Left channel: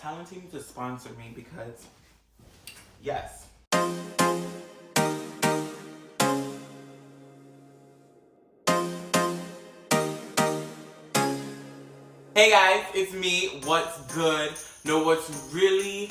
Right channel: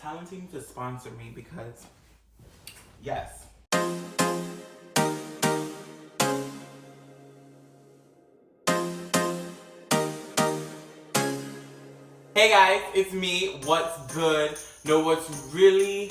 Talent team to sponsor me because, yes. Hey guys, it's me. What's good? No, what's really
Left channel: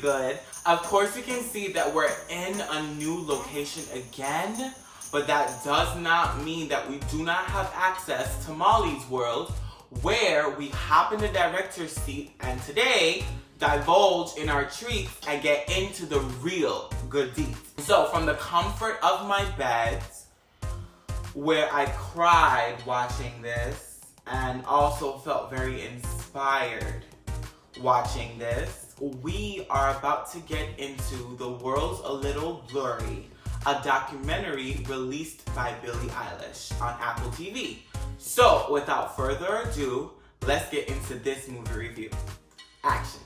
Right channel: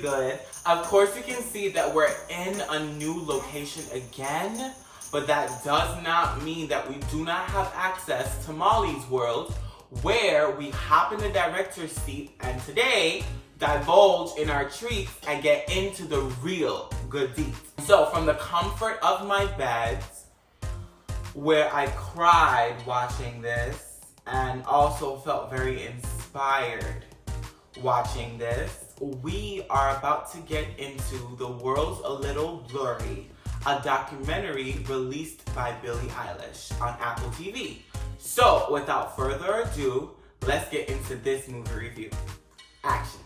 good. Of course, you can see that we're in a new location again, but that does not mean that we do not have access to Molly's world, where we hop in the director's seat and today divulge in our treats and get into the real good deeds. So, from the comfort of my bed, where I cried watching this, and also felt very inspired watching this, we are about to get into The World's a Little Blurry, a documentary released by Billie Eilish on Apple TV. So, without further ado, let's get into this movie review. Action.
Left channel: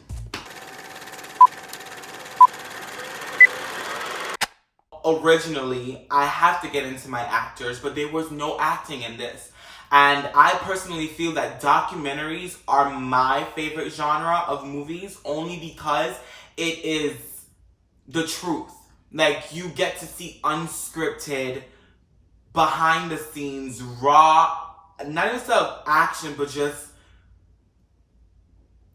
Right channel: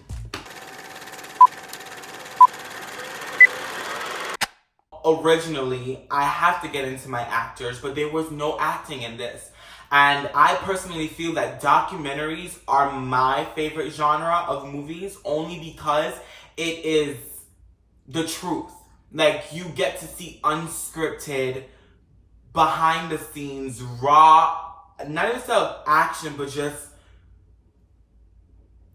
Originally, I have to get into my actors, but there was no acting in this. And I personally feel that documentaries are my favorite genre of movies only because it is the truth. Like, you get to see unscripted, behind the scenes, raw, not even stuff action, but just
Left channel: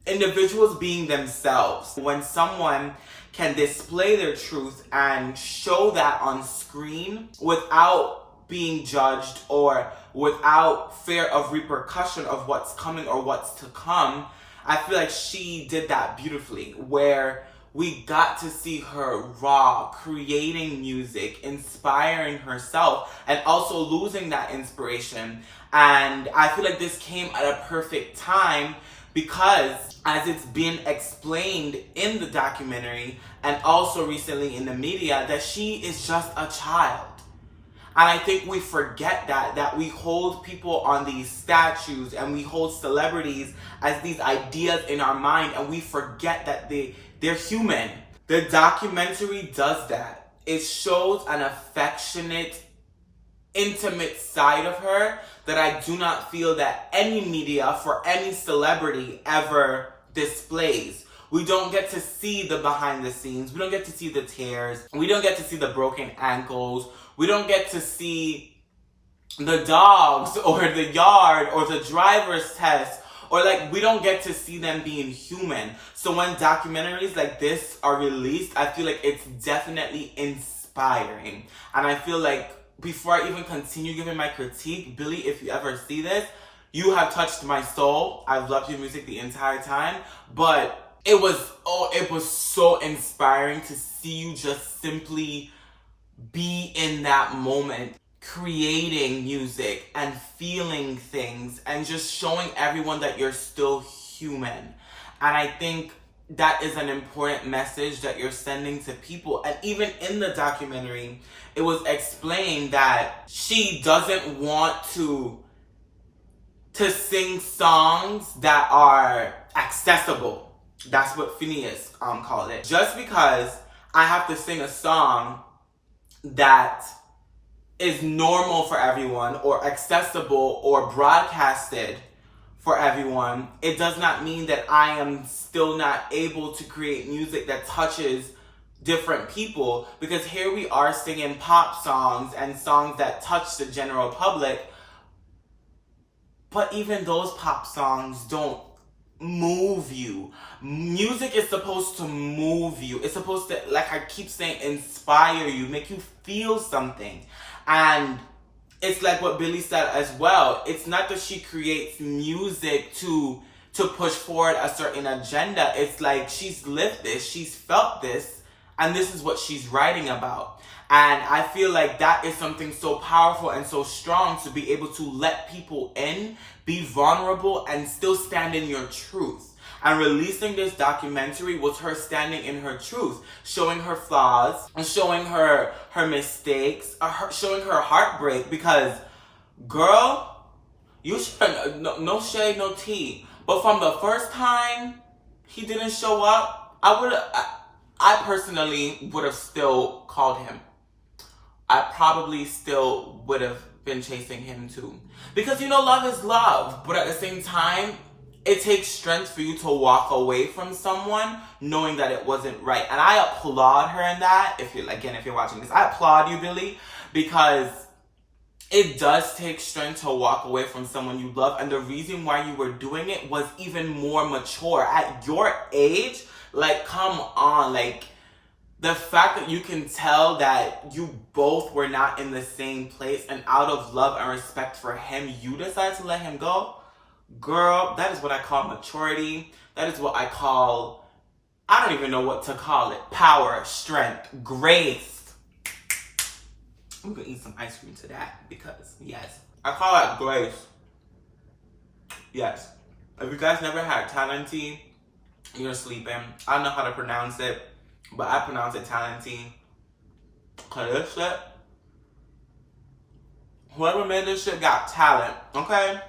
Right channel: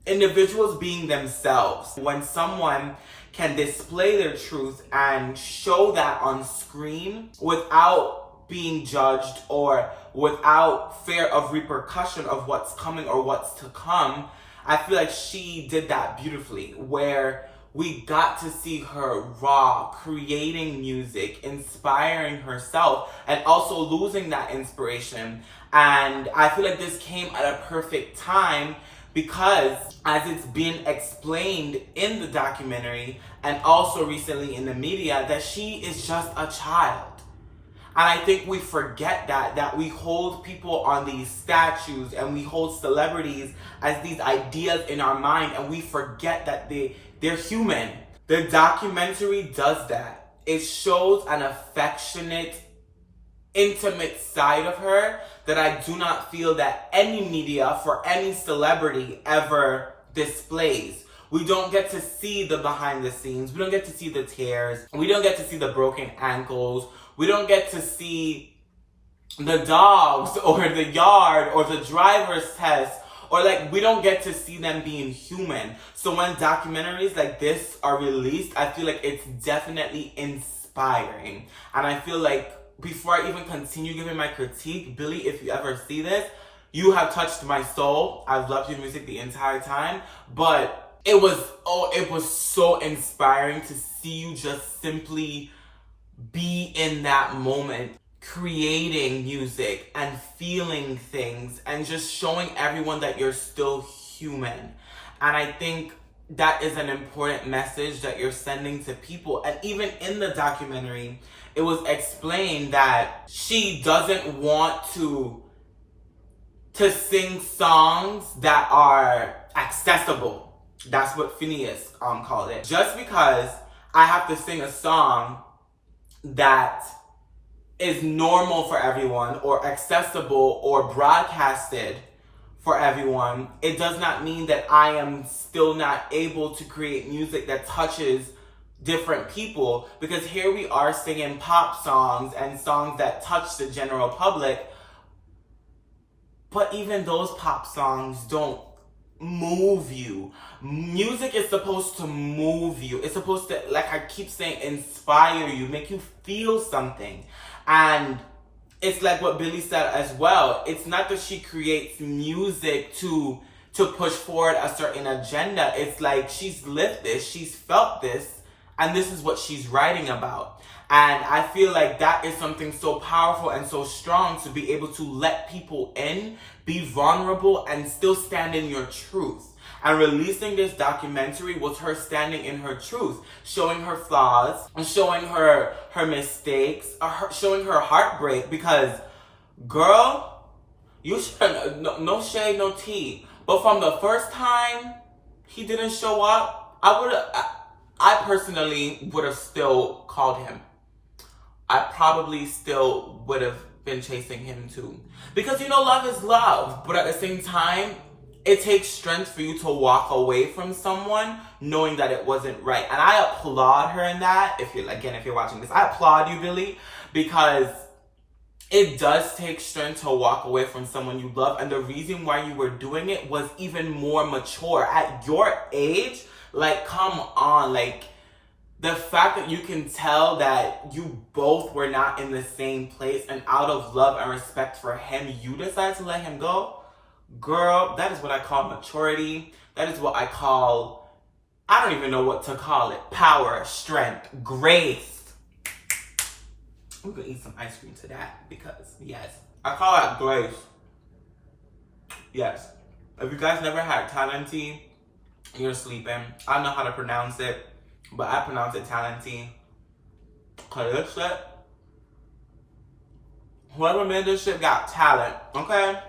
individuals being themselves. When someone can display their truth and show that on screen without being judged or without fear of repercussion of what's coming or what's to come, I feel like she did that beautifully, where we got to see her raw, creating music, inspiring herself, and also losing that inspiration. And I feel like this came at a perfect time because, as it's been explained in the documentary and also recently in the media, that she is just a child. And I think we forget that we hold people on these statues and we hold celebrities as these ideas in our mind, and we forget that they're human. The documentary does that. It shows an affectionate, intimate side of her that I do not feel that any media for any celebrity ever displays. We don't get to see the behind the scenes. We don't get to see the tears. We don't get to see the broken ankles. We don't get to see the dogs or the yard or the driver's test, or like, we don't get to see them being human. So when documentaries like this are released, I feel like it's definitely inspiring. And I feel like, before I even continue giving my critique, Billie, if you ever see this, you have touched my soul. I've loved your music the entire time, but it was so inspiring to see you just simply be in that moment, creating music and feeling things and just showing everyone that you're still human. And I think that is an important message that you're sending to people. And even in the documentary, it was explained that she doesn't want to sing songs that are accessible. That's what Phineas called it. Just because I have to sing a song that is normal for everyone or accessible or broadcasted for everyone, it does not mean that I am still not able to create music that touches different people. Because here we are singing pop songs and songs that touch the general public, but even those pop songs don't move you. Music is supposed to move you. It's supposed to, like I keep saying, inspire you, make you feel something. And it's like what Billie said as well. It's not that she creates music to push forward a certain agenda. It's like she's lived this, she's felt this, and this is what she's writing about. And I feel like that is something so powerful and so strong, to be able to let people in, be vulnerable, and still stand in your truth. And releasing this documentary was her standing in her truth, showing her flaws, and showing her mistakes, showing her heartbreak. Because, girl, you should, no shade, no tea, but from the first time he didn't show up, I personally would have still called him. I probably still would have been chasing him too. Because, love is love. But at the same time, it takes strength for you to walk away from someone knowing that it wasn't right. And I applaud her in that. If you're watching this, I applaud you, Billie, because it does take strength to walk away from someone you love. And the reason why you were doing it was even more mature. At your age, like, come on, like, the fact that you can tell that you both were not in the same place, and out of love and respect for him, you decided to let him go. Girl, that is what I call maturity. That is what I call, I don't even know what to call it. Power, strength, grace. I'm gonna eat some ice cream to that because, yes, I call that grace. Yes. If you guys never had Talenti, you're sleeping. I don't know how to pronounce it, but I pronounce it Talenti. Cause this shit, whoever made this shit got talent, okay?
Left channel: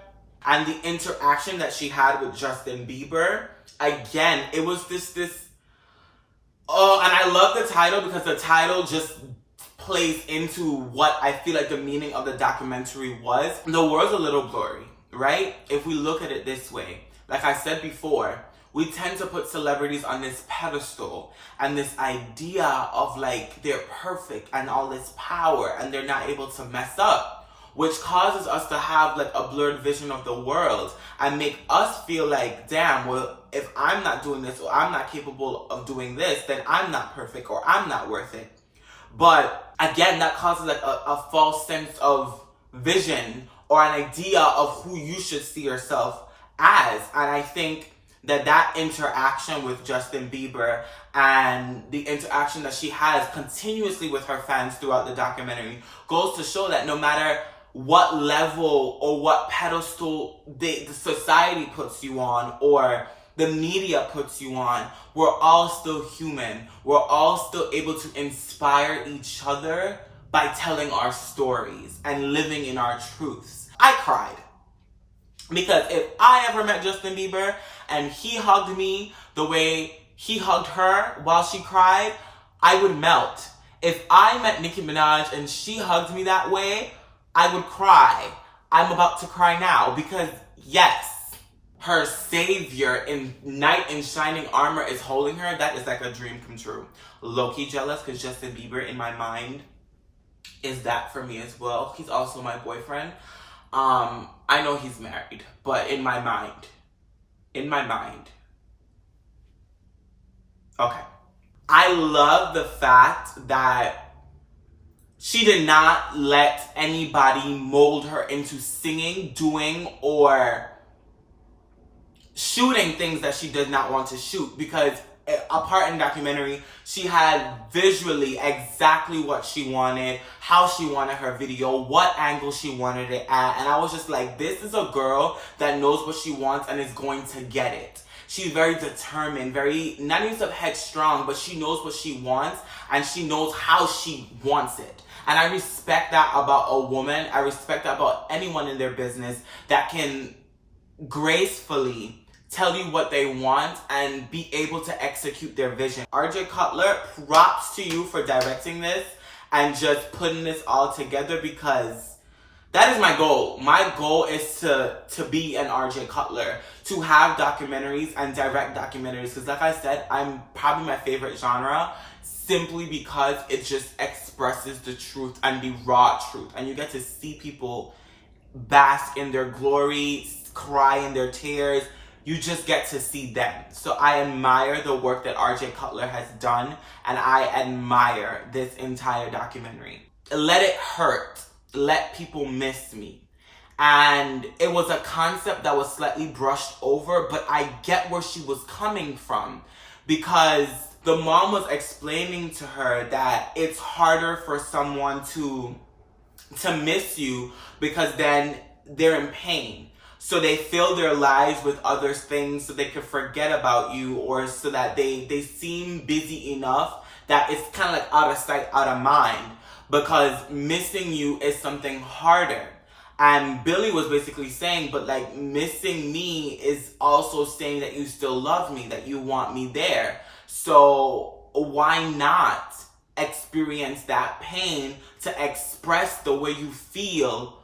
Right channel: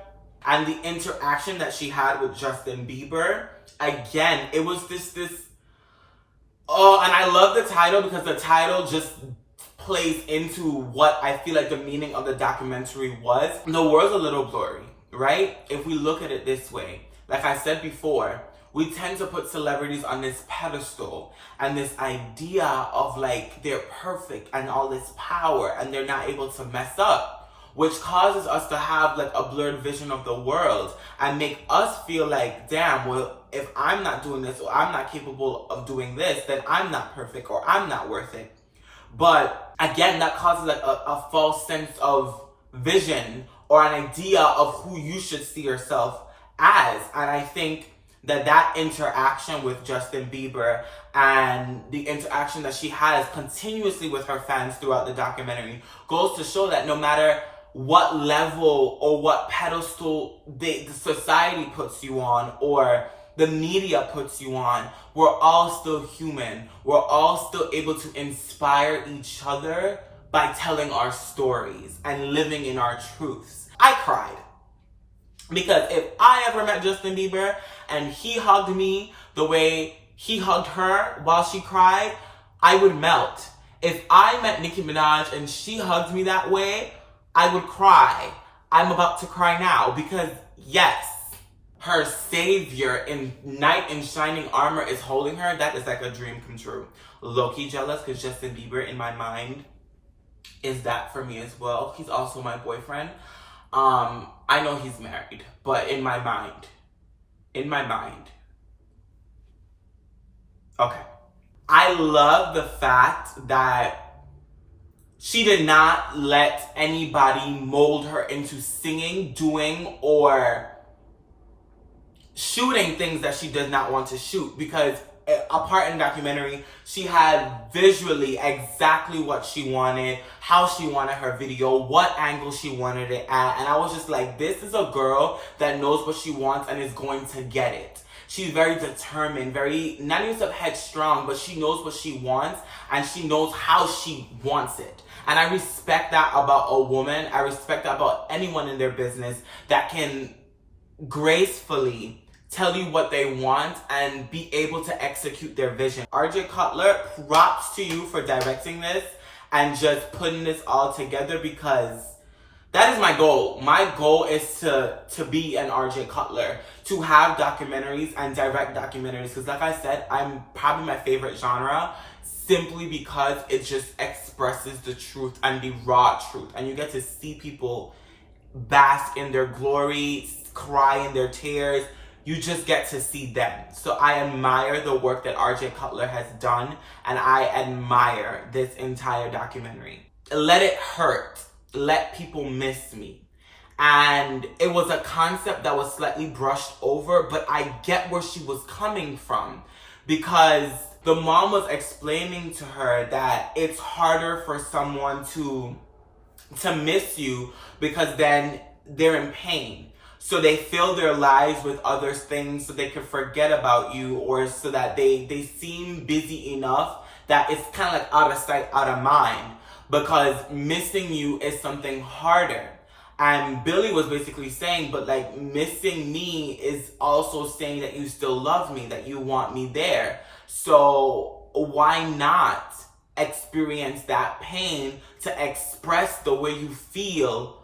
And the interaction that she had with Justin Bieber, again, it was this, oh, and I love the title because the title just plays into what I feel like the meaning of the documentary was. The world's a little blurry, right? If we look at it this way, like I said before, we tend to put celebrities on this pedestal and this idea of like they're perfect and all this power and they're not able to mess up, which causes us to have like a blurred vision of the world and make us feel like, damn, well, if I'm not doing this or I'm not capable of doing this, then I'm not perfect or I'm not worth it. But again, that causes like a false sense of vision or an idea of who you should see yourself as. And I think that interaction with Justin Bieber and the interaction that she has continuously with her fans throughout the documentary goes to show that no matter what level or what pedestal the society puts you on or the media puts you on, we're all still human. We're all still able to inspire each other by telling our stories and living in our truths. I cried. Because if I ever met Justin Bieber and he hugged me the way he hugged her while she cried, I would melt. If I met Nicki Minaj and she hugged me that way, I would cry. I'm about to cry now because yes, her savior in knight in shining armor is holding her. That is like a dream come true. Low-key jealous because Justin Bieber in my mind is that for me as well. He's also my boyfriend. I know he's married, but in my mind. Okay. I love the fact that she did not let anybody mold her into singing, doing, or shooting things that she does not want to shoot, because a part in the documentary, she had visually exactly what she wanted, how she wanted her video, what angle she wanted it at, and I was just like, this is a girl that knows what she wants and is going to get it. She's very determined, very, not even headstrong, but she knows what she wants and she knows how she wants it. And I respect that about a woman. I respect that about anyone in their business that can gracefully tell you what they want and be able to execute their vision. RJ Cutler, props to you for directing this and just putting this all together, because that is my goal. My goal is to be an RJ Cutler, to have documentaries and direct documentaries, because like I said, I'm probably my favorite genre simply because it just expresses the truth and the raw truth, and you get to see people bask in their glory, cry in their tears. You just get to see them. So I admire the work that RJ Cutler has done, and I admire this entire documentary. Let it hurt. Let people miss me. And it was a concept that was slightly brushed over, but I get where she was coming from, because the mom was explaining to her that it's harder for someone to miss you because then they're in pain. So they fill their lives with other things so they can forget about you, or so that they seem busy enough that it's kind of like out of sight, out of mind, because missing you is something harder. And Billie was basically saying, but like missing me is also saying that you still love me, that you want me there. So why not experience that pain to express the way you feel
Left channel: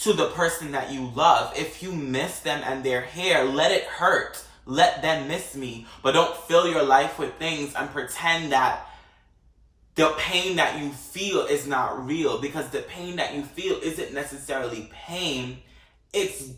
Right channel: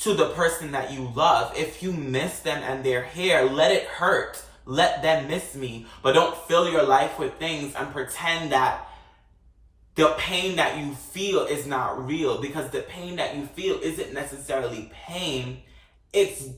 to the person that you love. If you miss them and they're here, let it hurt. Let them miss me. But don't fill your life with things and pretend that the pain that you feel is not real, because the pain that you feel isn't necessarily pain. It's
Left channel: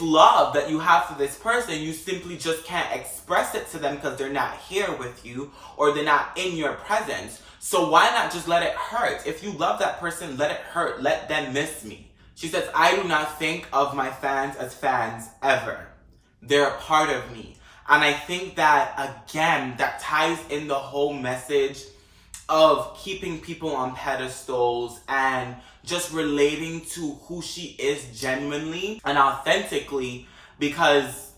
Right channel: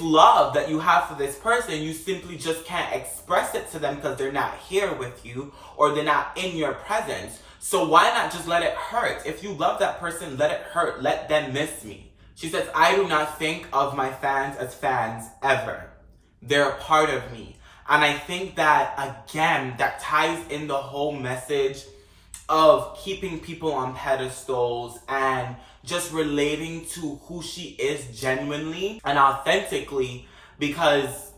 love that you have for this person. You simply just can't express it to them because they're not here with you or they're not in your presence. So why not just let it hurt? If you love that person, let it hurt. Let them miss me. She says, I do not think of my fans as fans ever. They're a part of me. And I think that, again, that ties in the whole message of keeping people on pedestals and just relating to who she is genuinely and authentically, because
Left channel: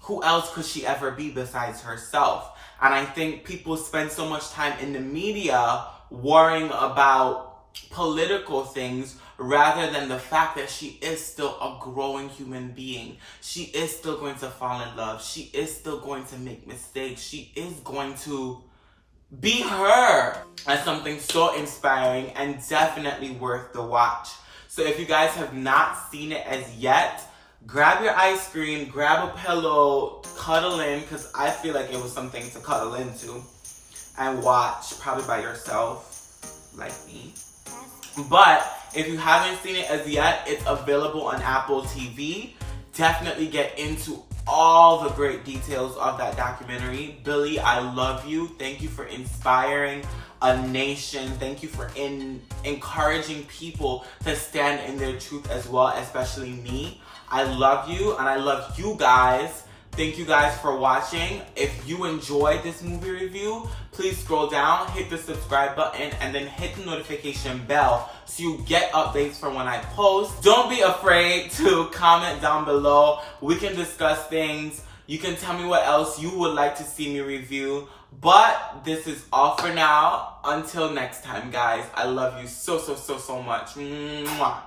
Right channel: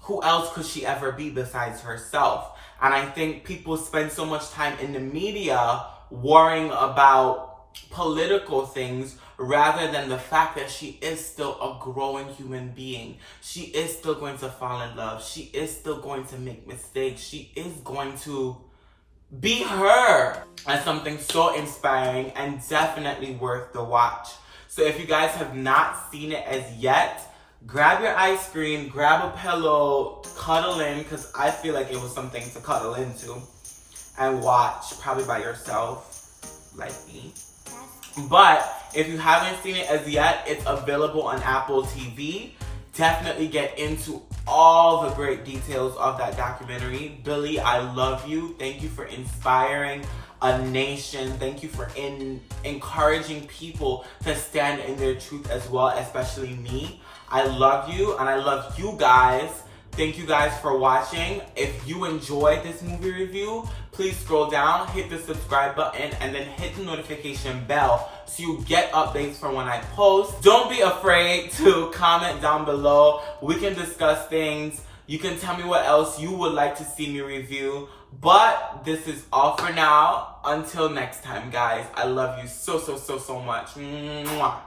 who else could she ever be besides herself? And I think people spend so much time in the media worrying about political things rather than the fact that she is still a growing human being. She is still going to fall in love. She is still going to make mistakes. She is going to be her. And something so inspiring and definitely worth the watch. So if you guys have not seen it as yet, grab your ice cream, grab a pillow, cuddle in, because I feel like it was something to cuddle into, and watch, probably by yourself, like me. But if you haven't seen it as yet, it's available on Apple TV. Definitely get into all the great details of that documentary. Billie, I love you. Thank you for inspiring a nation. Thank you for encouraging people to stand in their truth as well, especially me. I love you and I love you guys. Thank you guys for watching. If you enjoyed this movie review, please scroll down, hit the subscribe button, and then hit the notification bell so you get updates from when I post. Don't be afraid to comment down below. We can discuss things. You can tell me what else you would like to see me review. But this is all for now. Until next time, guys. I love you so, so, so, so much. Mwah.